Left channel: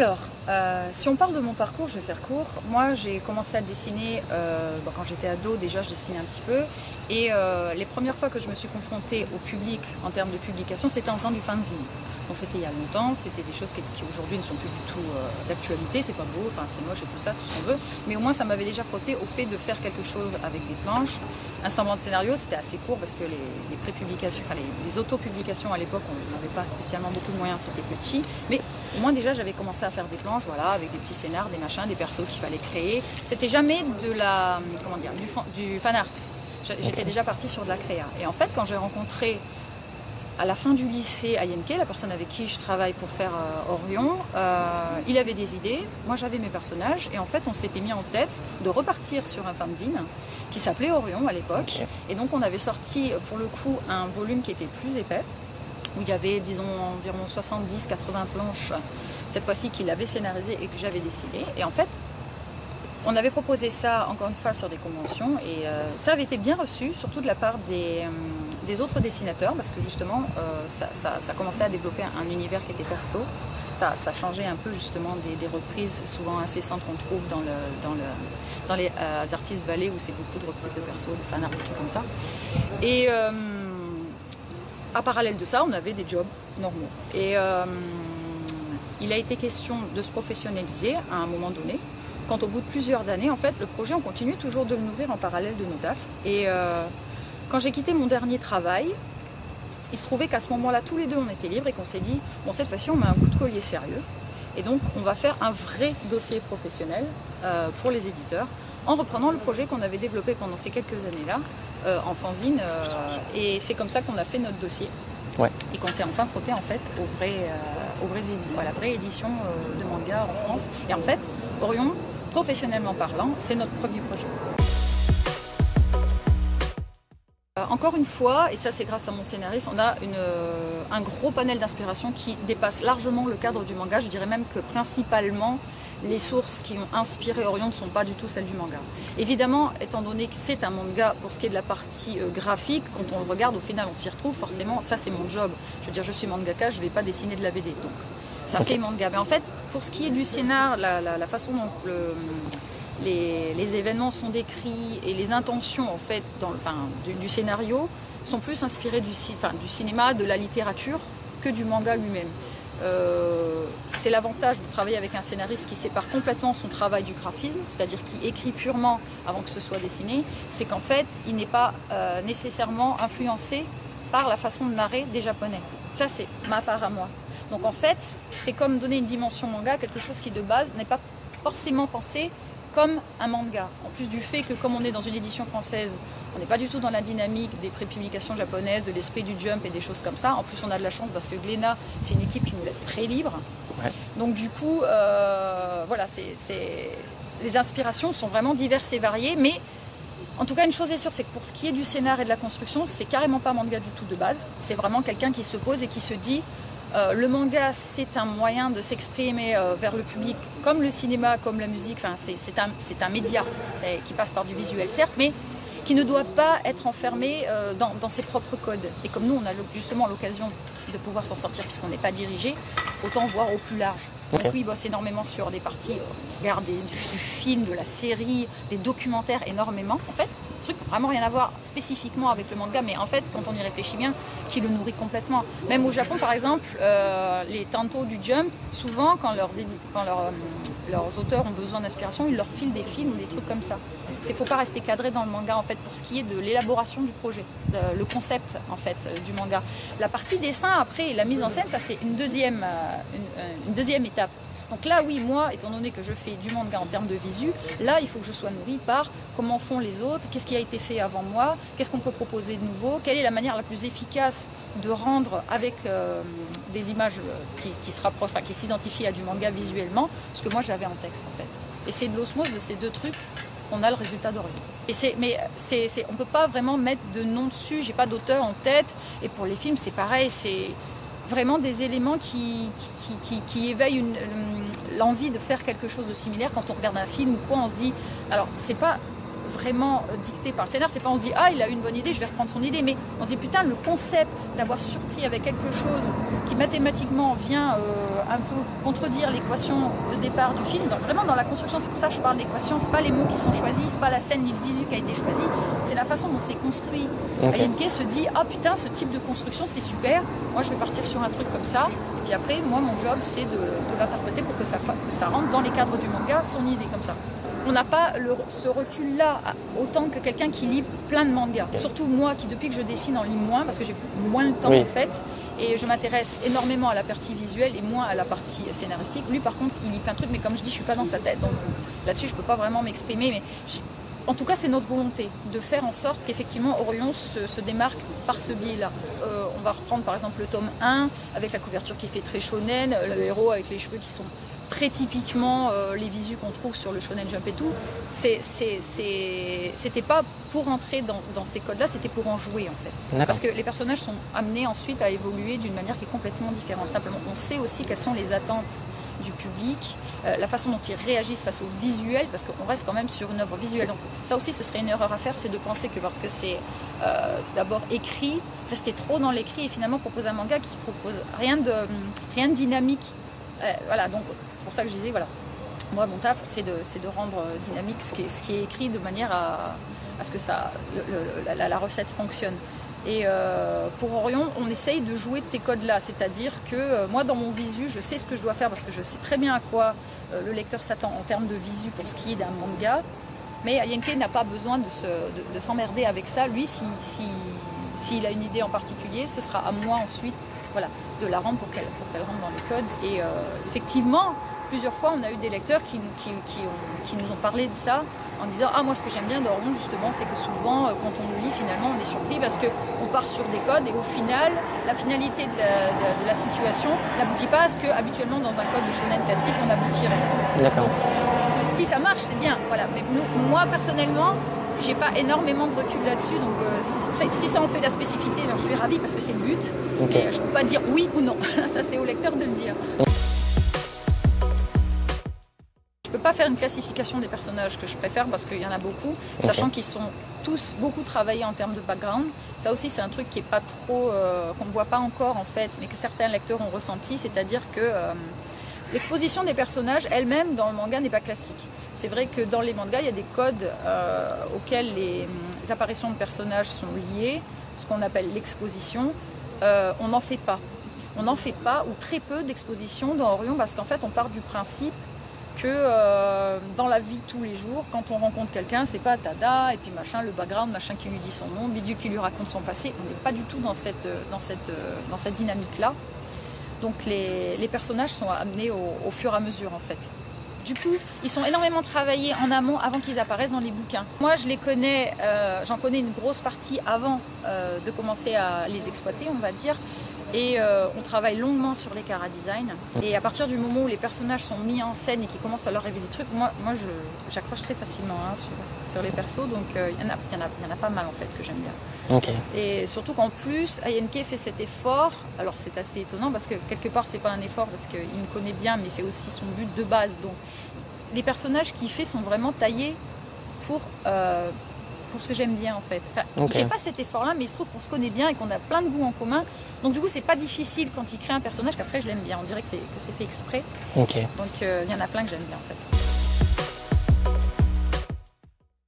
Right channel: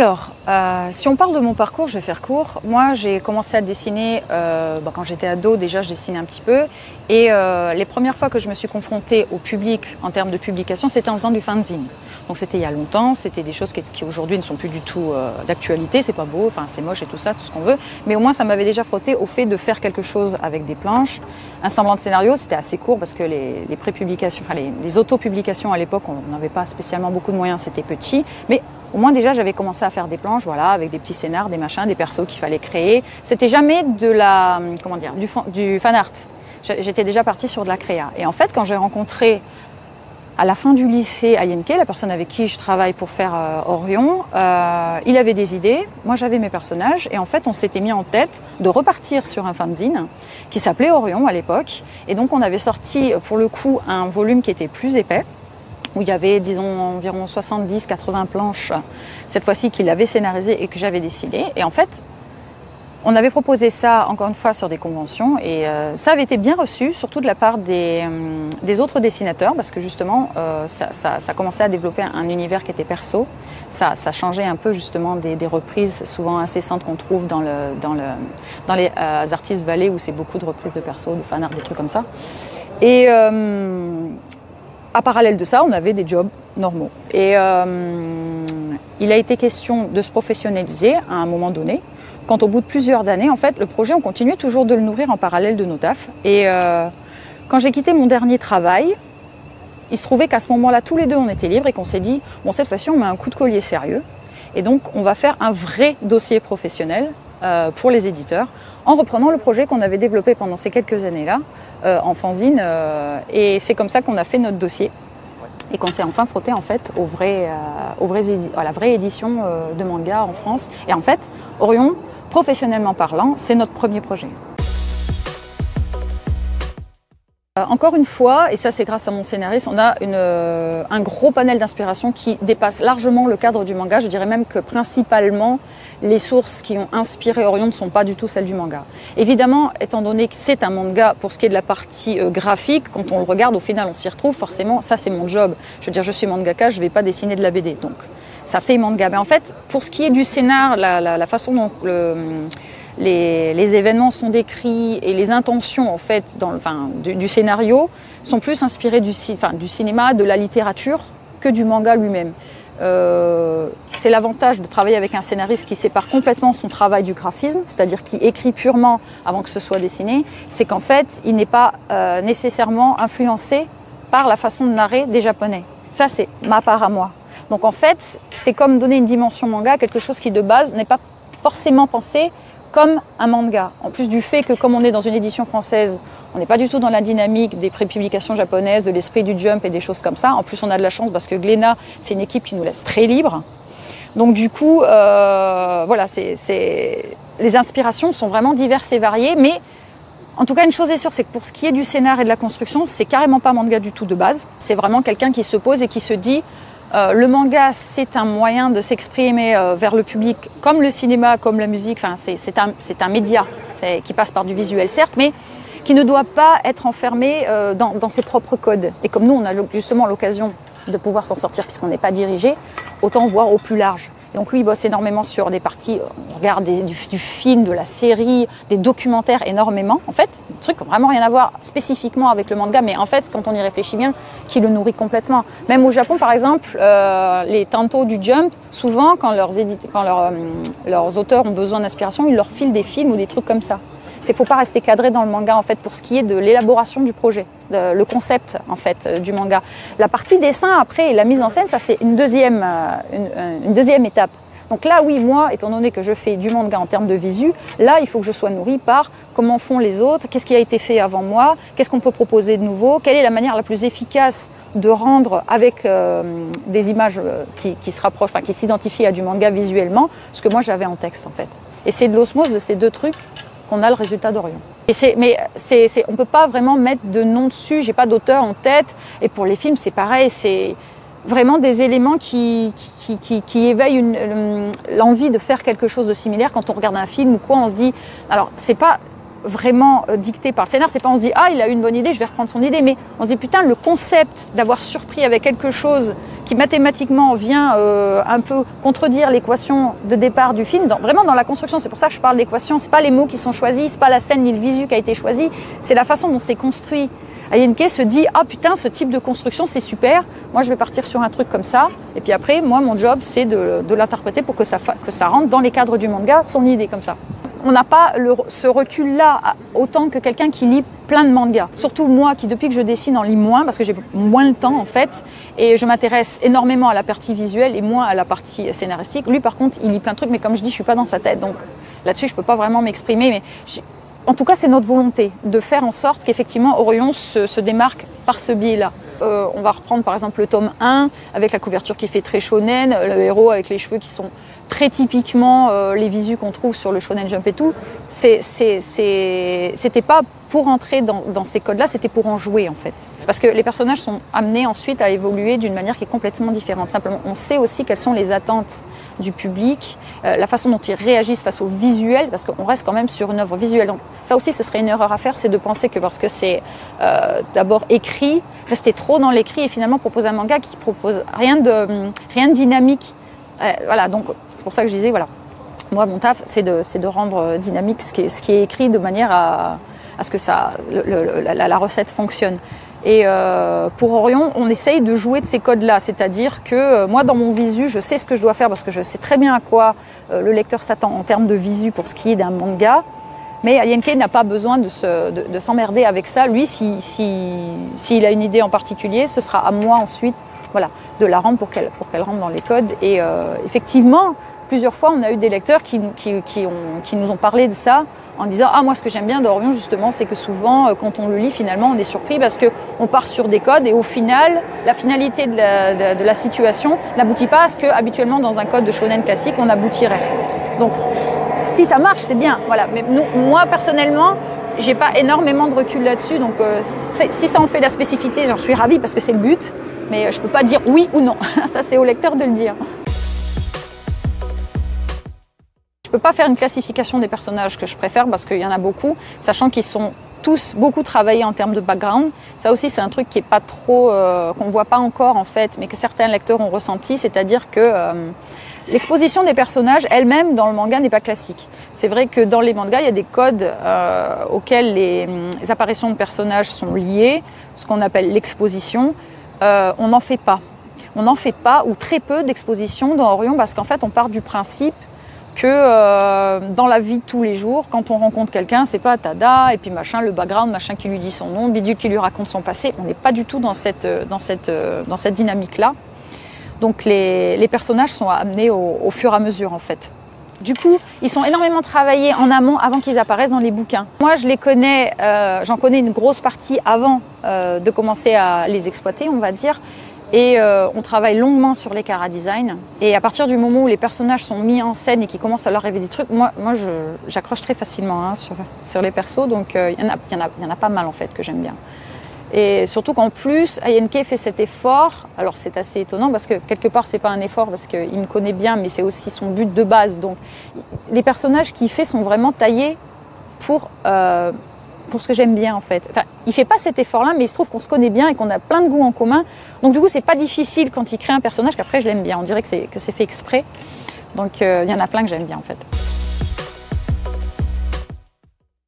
Alors, si on parle de mon parcours, je vais faire court. Moi, j'ai commencé à dessiner quand j'étais ado. Déjà, je dessinais un petit peu. Et les premières fois que je me suis confrontée au public en termes de publication, c'était en faisant du fanzine. Donc, c'était il y a longtemps. C'était des choses qui aujourd'hui ne sont plus du tout d'actualité. C'est pas beau, enfin, c'est moche et tout ça, tout ce qu'on veut. Mais au moins, ça m'avait déjà frotté au fait de faire quelque chose avec des planches. Un semblant de scénario, c'était assez court parce que les pré-publications, enfin, les auto-publications à l'époque, on n'avait pas spécialement beaucoup de moyens, c'était petit. Mais au moins, déjà, j'avais commencé à faire des planches, voilà, avec des petits scénars, des machins, des persos qu'il fallait créer. C'était jamais de la, comment dire, du fan art. J'étais déjà partie sur de la créa. Et en fait, quand j'ai rencontré à la fin du lycée à Yenke, la personne avec qui je travaille pour faire Orion, il avait des idées, moi j'avais mes personnages, et en fait on s'était mis en tête de repartir sur un fanzine qui s'appelait Orion à l'époque. Et donc on avait sorti pour le coup un volume qui était plus épais, où il y avait, disons, environ 70-80 planches, cette fois-ci qu'il avait scénarisé et que j'avais dessiné. Et en fait, on avait proposé ça, encore une fois, sur des conventions, et ça avait été bien reçu, surtout de la part des autres dessinateurs, parce que justement, ça commençait à développer un univers qui était perso. Ça changeait un peu justement des reprises souvent incessantes qu'on trouve dans les artistes vallées, où c'est beaucoup de reprises de perso, de fan art, des trucs comme ça. Et à parallèle de ça, on avait des jobs normaux. Et il a été question de se professionnaliser à un moment donné. Quand au bout de plusieurs années, en fait, le projet, on continuait toujours de le nourrir en parallèle de nos tafs. Et quand j'ai quitté mon dernier travail, il se trouvait qu'à ce moment-là, tous les deux, on était libres et qu'on s'est dit, bon, cette fois-ci, on met un coup de collier sérieux. Et donc, on va faire un vrai dossier professionnel pour les éditeurs, en reprenant le projet qu'on avait développé pendant ces quelques années-là, en fanzine. Et c'est comme ça qu'on a fait notre dossier. Ouais. Et qu'on s'est enfin frotté en fait à la vraie édition de manga en France. Et en fait, Orion, professionnellement parlant, c'est notre premier projet. Encore une fois, et ça c'est grâce à mon scénariste, on a un gros panel d'inspiration qui dépasse largement le cadre du manga. Je dirais même que principalement, les sources qui ont inspiré Orion ne sont pas du tout celles du manga. Évidemment, étant donné que c'est un manga, pour ce qui est de la partie graphique, quand on le regarde, au final, on s'y retrouve. Forcément, ça c'est mon job. Je veux dire, je suis mangaka, je ne vais pas dessiner de la BD. Donc, ça fait manga. Mais en fait, pour ce qui est du scénar, la façon dont les événements sont décrits et les intentions en fait, du scénario sont plus inspirées du cinéma, de la littérature que du manga lui-même. C'est l'avantage de travailler avec un scénariste qui sépare complètement son travail du graphisme, c'est-à-dire qui écrit purement avant que ce soit dessiné, c'est qu'en fait, il n'est pas nécessairement influencé par la façon de narrer des Japonais. Ça, c'est ma part à moi. Donc en fait, c'est comme donner une dimension manga à quelque chose qui de base n'est pas forcément pensé comme un manga. En plus du fait que comme on est dans une édition française, on n'est pas du tout dans la dynamique des pré-publications japonaises, de l'esprit du jump et des choses comme ça. En plus, on a de la chance parce que Glénat, c'est une équipe qui nous laisse très libre. Ouais. Donc du coup, voilà, les inspirations sont vraiment diverses et variées. Mais en tout cas, une chose est sûre, c'est que pour ce qui est du scénar et de la construction, c'est carrément pas manga du tout de base. C'est vraiment quelqu'un qui se pose et qui se dit... le manga, c'est un moyen de s'exprimer vers le public, comme le cinéma, comme la musique. Enfin, c'est un média qui passe par du visuel, certes, mais qui ne doit pas être enfermé dans ses propres codes. Et comme nous, on a justement l'occasion de pouvoir s'en sortir puisqu'on n'est pas dirigé, autant voir au plus large. Donc lui, il bosse énormément sur des parties, on regarde du film, de la série, des documentaires énormément. En fait, des trucs qui n'ont vraiment rien à voir spécifiquement avec le manga, mais en fait, quand on y réfléchit bien, qui le nourrit complètement. Même au Japon, par exemple, les tantos du Jump, souvent, quand leurs auteurs ont besoin d'inspiration, ils leur filent des films ou des trucs comme ça. Il ne faut pas rester cadré dans le manga en fait pour ce qui est de l'élaboration du projet, le concept en fait du manga. La partie dessin après et la mise en scène, ça c'est une deuxième étape. Donc là oui, moi étant donné que je fais du manga en termes de visu, là il faut que je sois nourrie par comment font les autres, qu'est-ce qui a été fait avant moi, qu'est-ce qu'on peut proposer de nouveau, quelle est la manière la plus efficace de rendre avec des images qui se rapprochent, enfin qui s'identifient à du manga visuellement, ce que moi j'avais en texte en fait. Et c'est de l'osmose de ces deux trucs qu'on a le résultat d'Orion. Mais on ne peut pas vraiment mettre de nom dessus, j'ai pas d'auteur en tête. Et pour les films, c'est pareil, c'est vraiment des éléments qui éveillent l'envie de faire quelque chose de similaire. Quand on regarde un film ou quoi, on se dit... Alors, c'est pas vraiment dicté par le scénar. C'est pas on se dit ah il a eu une bonne idée, je vais reprendre son idée, mais on se dit putain le concept d'avoir surpris avec quelque chose qui mathématiquement vient un peu contredire l'équation de départ du film, vraiment dans la construction. C'est pour ça que je parle d'équation. C'est pas les mots qui sont choisis, c'est pas la scène ni le visu qui a été choisi, c'est la façon dont c'est construit. Ayenke se dit ah putain ce type de construction c'est super, moi je vais partir sur un truc comme ça, et puis après moi mon job c'est de l'interpréter pour que ça rentre dans les cadres du manga, son idée comme ça. On n'a pas ce recul-là autant que quelqu'un qui lit plein de mangas. Surtout moi qui depuis que je dessine en lis moins parce que j'ai moins le temps en fait, et je m'intéresse énormément à la partie visuelle et moins à la partie scénaristique. Lui par contre il lit plein de trucs, mais comme je dis je suis pas dans sa tête, donc là-dessus je peux pas vraiment m'exprimer, mais en tout cas, c'est notre volonté de faire en sorte qu'effectivement Orion se démarque par ce biais-là. On va reprendre par exemple le tome 1 avec la couverture qui fait très shonen, le héros avec les cheveux qui sont très typiquement les visus qu'on trouve sur le Shonen Jump et tout. C'était pas pour entrer dans ces codes-là, c'était pour en jouer en fait. Parce que les personnages sont amenés ensuite à évoluer d'une manière qui est complètement différente. Simplement, on sait aussi quelles sont les attentes du public, la façon dont ils réagissent face au visuel, parce qu'on reste quand même sur une œuvre visuelle. Donc ça aussi, ce serait une erreur à faire, c'est de penser que parce que c'est d'abord écrit, rester trop dans l'écrit et finalement proposer un manga qui propose rien de dynamique. Voilà, donc c'est pour ça que je disais, voilà, moi mon taf c'est de rendre dynamique ce qui est écrit de manière à ce que la recette fonctionne. Et pour Orion, on essaye de jouer de ces codes-là, c'est-à-dire que moi dans mon visu, je sais ce que je dois faire parce que je sais très bien à quoi le lecteur s'attend en termes de visu pour ce qui est d'un manga. Mais Ayenke n'a pas besoin de s'emmerder avec ça. Lui, s'il a une idée en particulier, ce sera à moi ensuite, voilà, de la rendre pour qu'elle rentre dans les codes. Et effectivement, plusieurs fois, on a eu des lecteurs qui nous ont parlé de ça en disant « Ah, moi, ce que j'aime bien d'Orion, justement, c'est que souvent, quand on le lit, finalement, on est surpris parce qu'on part sur des codes et au final, la finalité de la situation n'aboutit pas à ce qu'habituellement, dans un code de shonen classique, on aboutirait. » Donc, si ça marche, c'est bien. Voilà. Mais moi, personnellement, j'ai pas énormément de recul là-dessus. Donc, si ça en fait la spécificité, j'en suis ravie parce que c'est le but. Okay. Mais je peux pas dire oui ou non. Ça, c'est au lecteur de le dire. Je peux pas faire une classification des personnages que je préfère parce qu'il y en a beaucoup, sachant qu'ils sont tous beaucoup travaillés en termes de background. Ça aussi, c'est un truc qui est pas trop, qu'on voit pas encore en fait, mais que certains lecteurs ont ressenti, c'est-à-dire que l'exposition des personnages elle-même dans le manga n'est pas classique. C'est vrai que dans les mangas, il y a des codes auxquels les apparitions de personnages sont liées, ce qu'on appelle l'exposition. On n'en fait pas. On n'en fait pas ou très peu d'exposition dans Orion parce qu'en fait, on part du principe que dans la vie de tous les jours, quand on rencontre quelqu'un, c'est pas tada et puis machin, le background, machin qui lui dit son nom, bidule qui lui raconte son passé. On n'est pas du tout dans cette dynamique-là. Donc les personnages sont amenés au fur et à mesure en fait. Du coup, ils sont énormément travaillés en amont avant qu'ils apparaissent dans les bouquins. Moi, je les connais, j'en connais une grosse partie avant de commencer à les exploiter, on va dire. Et on travaille longuement sur les chara-design. Et à partir du moment où les personnages sont mis en scène et qu'ils commencent à leur rêver des trucs, moi j'accroche très facilement hein, sur les persos. Donc il y en a pas mal en fait que j'aime bien. Okay. Et surtout qu'en plus, Ayenke fait cet effort. Alors c'est assez étonnant parce que quelque part c'est pas un effort parce qu'il me connaît bien, mais c'est aussi son but de base. Donc les personnages qu'il fait sont vraiment taillés pour ce que j'aime bien en fait. Enfin, il fait pas cet effort-là, mais il se trouve qu'on se connaît bien et qu'on a plein de goûts en commun. Donc du coup, c'est pas difficile quand il crée un personnage qu'après je l'aime bien. On dirait que c'est fait exprès. Okay. Donc il y en a plein que j'aime bien en fait.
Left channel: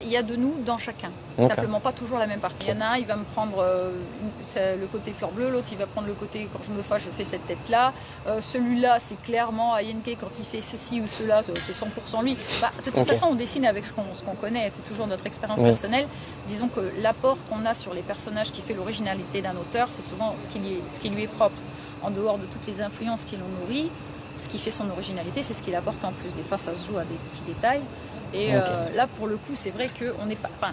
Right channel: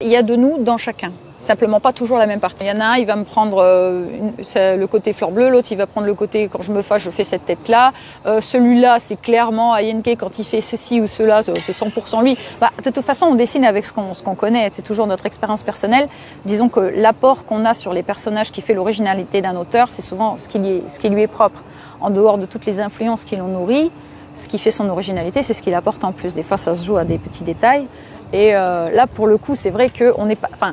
Il y a de nous dans chacun, simplement pas toujours la même partie. Il y en a un, il va me prendre le côté fleur bleue, l'autre il va prendre le côté quand je me fâche, je fais cette tête-là. Celui-là, c'est clairement Ayenke quand il fait ceci ou cela, c'est 100% lui. Bah, de toute façon, on dessine avec ce qu'on connaît, c'est toujours notre expérience personnelle. Disons que l'apport qu'on a sur les personnages qui fait l'originalité d'un auteur, c'est souvent ce qui lui est propre. En dehors de toutes les influences qui l'ont nourri, ce qui fait son originalité, c'est ce qu'il apporte en plus. Des fois, ça se joue à des petits détails. Et là, pour le coup, c'est vrai qu'on n'est pas, enfin,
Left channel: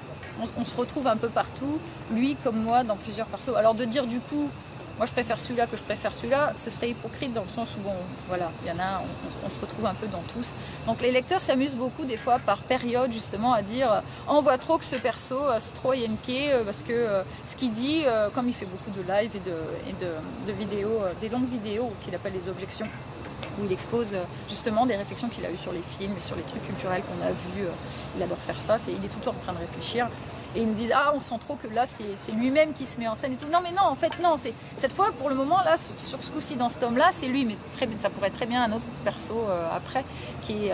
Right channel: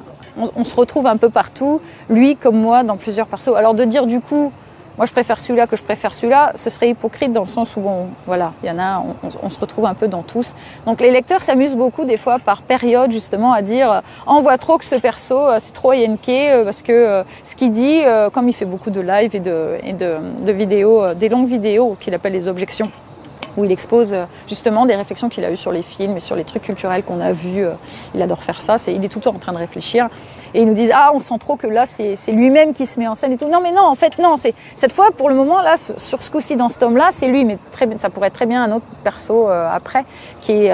on se retrouve un peu partout, lui comme moi, dans plusieurs persos. Alors de dire du coup, moi je préfère celui-là que je préfère celui-là, ce serait hypocrite dans le sens où, voilà, il y en a, on se retrouve un peu dans tous. Donc les lecteurs s'amusent beaucoup des fois par période justement à dire, on voit trop que ce perso, c'est trop Ayenke parce que ce qu'il dit, comme il fait beaucoup de live et de vidéos, des longues vidéos qu'il appelle les objections. où il expose justement des réflexions qu'il a eues sur les films et sur les trucs culturels qu'on a vus. Il adore faire ça, il est tout le temps en train de réfléchir. Et ils nous disent « Ah, on sent trop que là, c'est lui-même qui se met en scène. » et tout. Non, mais non, en fait, non. Cette fois, pour le moment, là, sur ce coup-ci, dans ce tome-là, c'est lui. Mais ça pourrait être très bien un autre perso après, qui est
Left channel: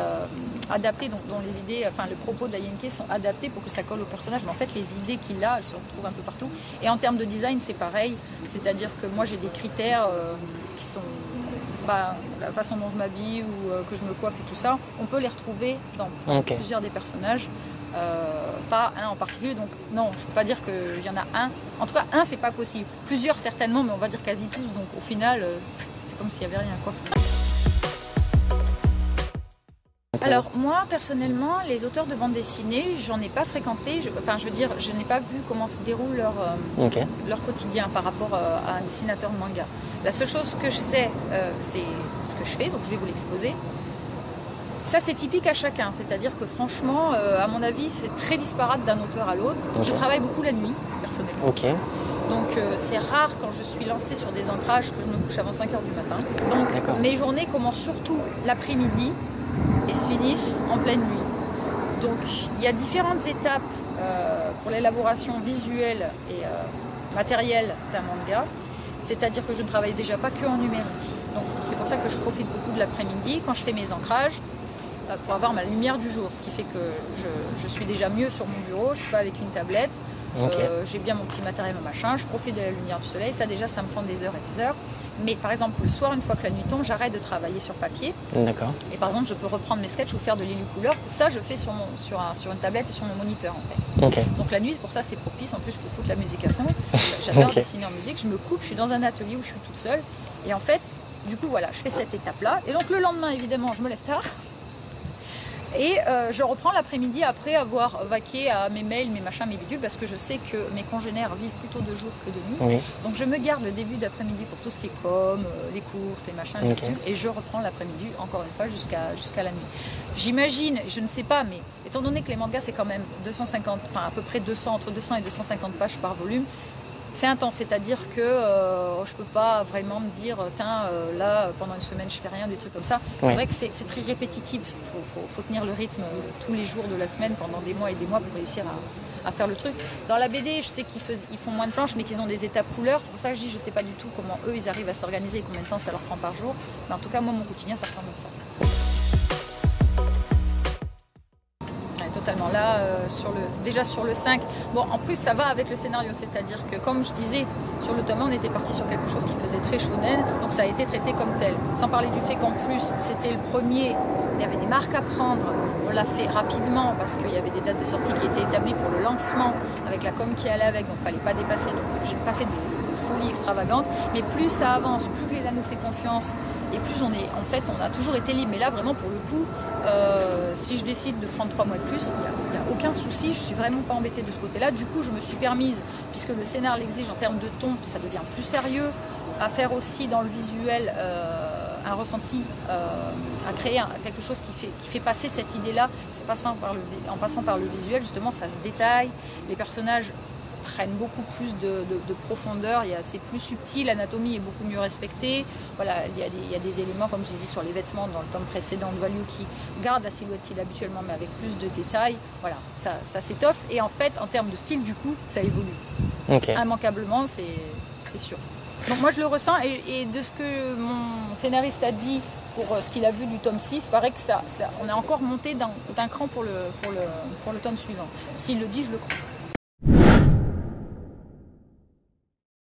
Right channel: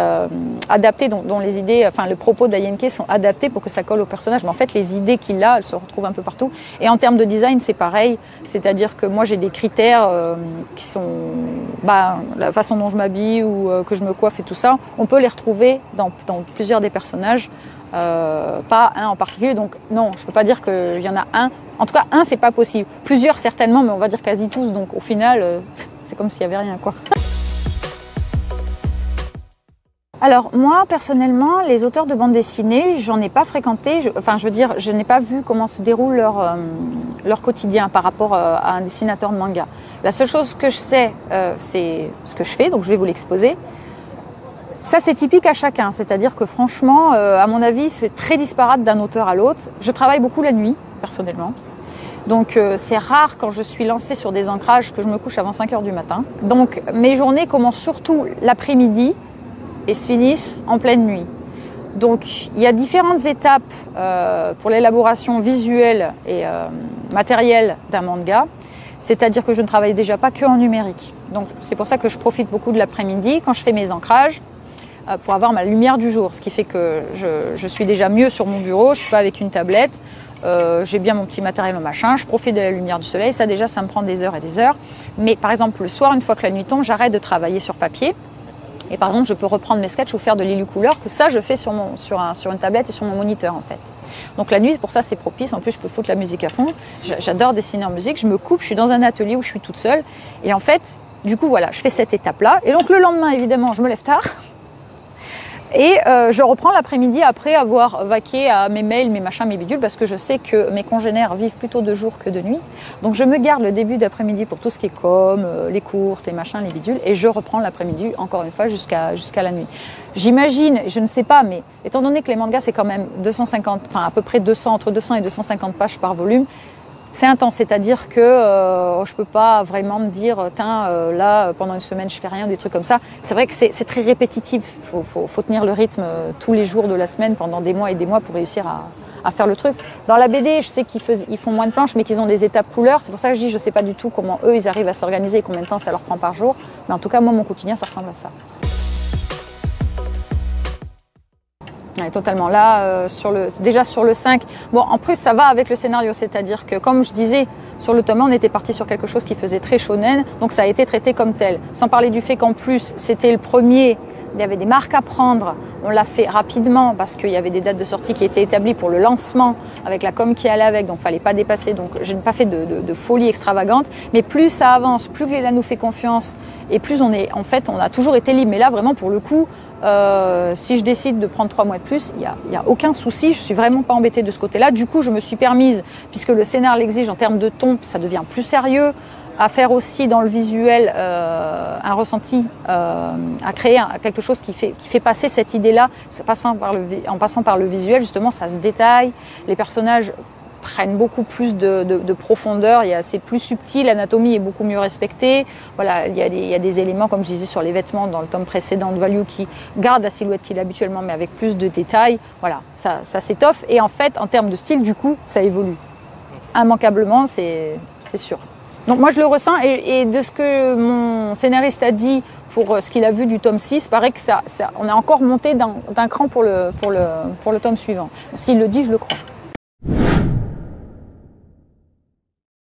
adapté, dont les idées, enfin, le propos d'Ayenke sont adaptés pour que ça colle au personnage. Mais en fait, les idées qu'il a, elles se retrouvent un peu partout. Et en termes de design, c'est pareil. C'est-à-dire que moi, j'ai des critères qui sont la façon dont je m'habille ou que je me coiffe et tout ça. On peut les retrouver dans plusieurs des personnages. Pas un en particulier, donc non, je peux pas dire qu'il y en a un. En tout cas, un, c'est pas possible. Plusieurs, certainement, mais on va dire quasi tous. Donc au final, c'est comme s'il y avait rien, quoi. Alors moi, personnellement, les auteurs de bande dessinée, j'en ai pas fréquenté. Je n'ai pas vu comment se déroule leur quotidien par rapport à un dessinateur de manga. La seule chose que je sais, c'est ce que je fais, donc je vais vous l'exposer. Ça, c'est typique à chacun, c'est-à-dire que franchement, à mon avis, c'est très disparate d'un auteur à l'autre. Okay. Je travaille beaucoup la nuit, personnellement. Okay. Donc, c'est rare quand je suis lancée sur des ancrages que je me couche avant 5 h du matin. Donc, mes journées commencent surtout l'après-midi et se finissent en pleine nuit. Donc, il y a différentes étapes pour l'élaboration visuelle et matérielle d'un manga. C'est-à-dire que je ne travaille déjà pas que en numérique. Donc, c'est pour ça que je profite beaucoup de l'après-midi quand je fais mes ancrages, pour avoir ma lumière du jour, ce qui fait que je suis déjà mieux sur mon bureau, je ne suis pas avec une tablette, j'ai bien mon petit matériel, mon machin, je profite de la lumière du soleil, ça déjà ça me prend des heures et des heures. Mais par exemple le soir, une fois que la nuit tombe, j'arrête de travailler sur papier. Et par exemple je peux reprendre mes sketchs ou faire de l'illucouleur, que ça je fais sur une tablette et sur mon moniteur en fait. Donc la nuit pour ça c'est propice, en plus je peux foutre la musique à fond, j'adore dessiner en musique, je me coupe, je suis dans un atelier où je suis toute seule et en fait du coup voilà, je fais cette étape là et donc le lendemain évidemment je me lève tard. Et je reprends l'après-midi après avoir vaqué à mes mails, mes machins, mes bidules, parce que je sais que mes congénères vivent plutôt de jour que de nuit. Oui. Donc je me garde le début d'après-midi pour tout ce qui est com, les courses, les machins, les bidules, et je reprends l'après-midi, encore une fois, jusqu'à la nuit. J'imagine, je ne sais pas, mais étant donné que les mangas, c'est quand même 250, enfin à peu près 200, entre 200 et 250 pages par volume, c'est intense, c'est-à-dire que je peux pas vraiment me dire là pendant une semaine je fais rien, des trucs comme ça. Ouais. C'est vrai que c'est très répétitif. Faut tenir le rythme tous les jours de la semaine pendant des mois et des mois pour réussir à faire le truc. Dans la BD, je sais qu'ils font moins de planches, mais qu'ils ont des étapes couleurs. C'est pour ça que je dis je sais pas du tout comment eux ils arrivent à s'organiser et combien de temps ça leur prend par jour. Mais en tout cas moi mon quotidien ça ressemble à ça. Ouais, totalement. Là, déjà sur le 5, bon, en plus, ça va avec le scénario, c'est-à-dire que, comme je disais, sur le tome 1, on était parti sur quelque chose qui faisait très shonen, donc ça a été traité comme tel. Sans parler du fait qu'en plus, c'était le premier, il y avait des marques à prendre, on l'a fait rapidement parce qu'il y avait des dates de sortie qui étaient établies pour le lancement, avec la com qui allait avec, donc il ne fallait pas dépasser, donc je n'ai pas fait de folie extravagante, mais plus ça avance, plus Glénat nous fait confiance, et plus on a toujours été libre. Mais là, vraiment, pour le coup, si je décide de prendre 3 mois de plus, il y a aucun souci. Je suis vraiment pas embêtée de ce côté-là. Du coup, je me suis permise, puisque le scénar l'exige en termes de ton, ça devient plus sérieux, à faire aussi dans le visuel un ressenti, à créer quelque chose qui fait passer cette idée-là, en passant par le visuel. Justement, ça se détaille. Les personnages prennent beaucoup plus de profondeur, c'est plus subtil, l'anatomie est beaucoup mieux respectée. Voilà, il y a des éléments, comme je disais sur les vêtements dans le tome précédent de Value, qui gardent la silhouette qu'il a habituellement, mais avec plus de détails. Voilà, ça s'étoffe. Et en fait, en termes de style, du coup, ça évolue. Immanquablement, c'est sûr. Donc moi, je le ressens, et de ce que mon scénariste a dit pour ce qu'il a vu du tome 6, paraît que on a encore monté d'un cran pour le tome suivant. S'il le dit, je le crois.